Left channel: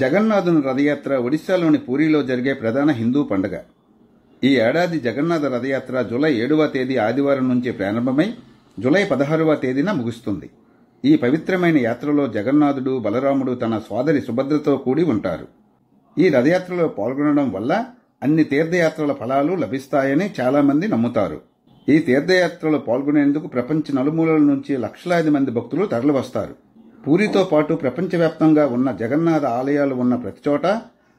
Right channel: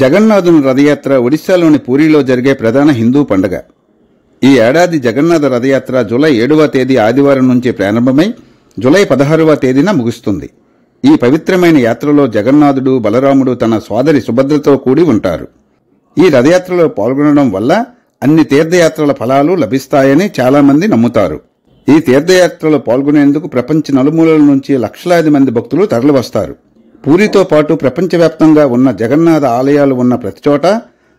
జగన్నాథుని రథయాత్ర ఒడిశాలోని పూరిలో జరిగే ప్రధాన హిందూ పండుగ. ఈ ఏడాది జగన్నాథ రథయాత్ర జూలై 7వ తేదీ ఆదివారం నుంచి ప్రారంభమై జూలై 16వ తేదీన ముగుస్తుంది. ఈ పవిత్రమైన యాత్రలో జగన్నాథుడు, బలరాముడు తన సోదరి సుభద్రతో కూడి ఉంటారు. ఈ రథయాత్రలో పాల్గొనడం వల్ల అన్ని తీర్థయాత్రల ఫలాలు లభిస్తాయని చాలామంది నమ్ముతారు. ఈ తీర్థయాత్రలో పాల్గొనేందుకు ప్రపంచ నలుమూలల నుంచి లక్షలాది మంది భక్తులు తరలివస్తారు. పూరితో పాటు ప్రపంచవ్యాప్తంగా ఉన్న జగన్నాథ ఆలయాలు ఉన్న ప్రతిచోట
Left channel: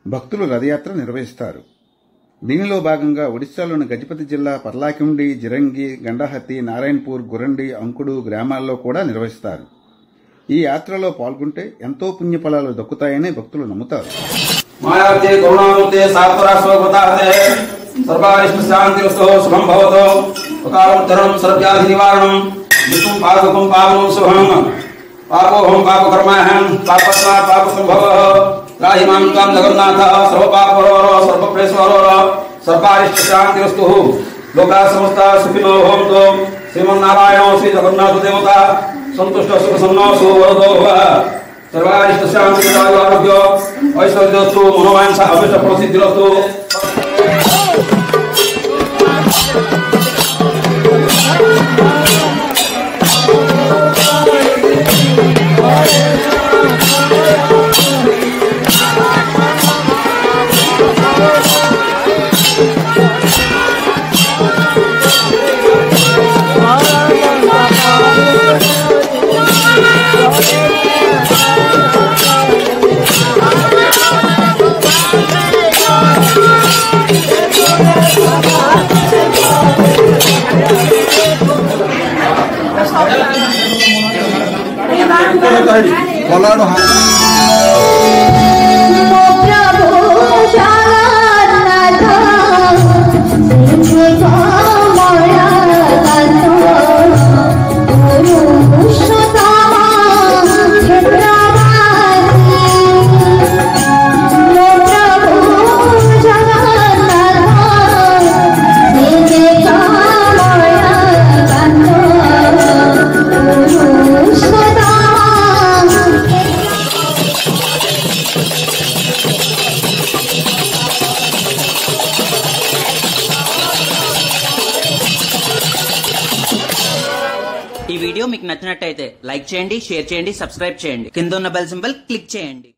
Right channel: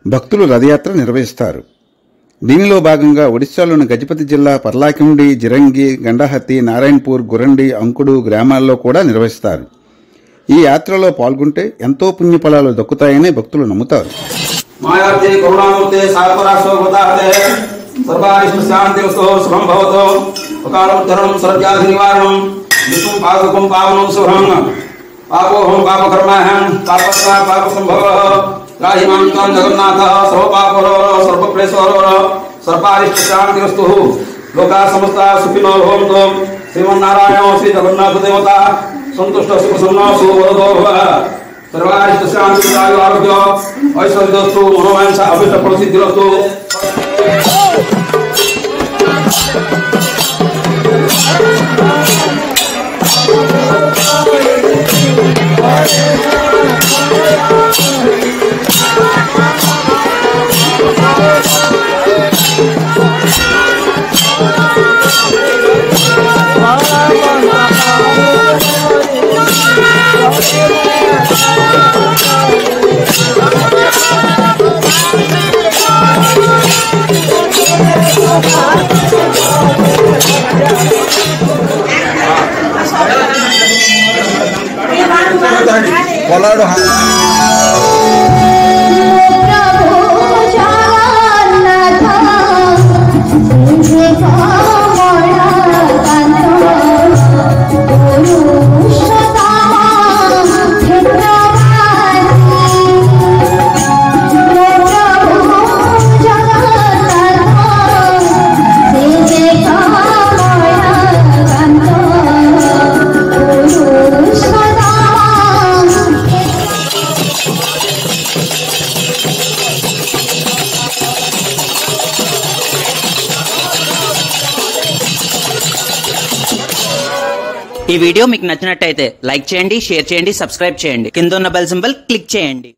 భక్తులు రథయాత్ర నిర్వహిస్తారు. దీనిలో భాగంగా ఒడిశాలోని గజపతి జిల్లా పర్లాకిండి, జిరంగి, గండహత్తి, నారాయణపూర్, గురండి, అంకుడు గ్రామాల్లో కూడా నిర్వహిస్తారు. ఈ యాత్రలో పాల్గొంటే ఎంతో పుణ్యఫలాలు దక్కుతాయని భక్తులు నమ్ముతారు. पापोहम पाप कर्माहम पापस्वा पाप संभव राहिमां त्वां जगन्नाथ सर्वपापहरो सर्वप्रेषहरो सर्वारिष्ट शांतिरस्तु लोका समस्ता सुखिनो भवन्तु श्रीमन्नारायण श्री जगन्नाथ देवता संतुष्ट सुख सम्नो सुवरदो भव सर्वारिष्ट शांति आरोग्य ऐश्वर्यस्तु मनोवांछा अभिष्ट फलसिद्धिरस्तु। ఈ వీడియో మీకు నచ్చినట్టయితే లైక్ చేయండి, షేర్ చేయండి, సబ్స్క్రైబ్ చేయండి. కింద ఉన్న బెల్ సింబల్ క్లిక్ చేయండి.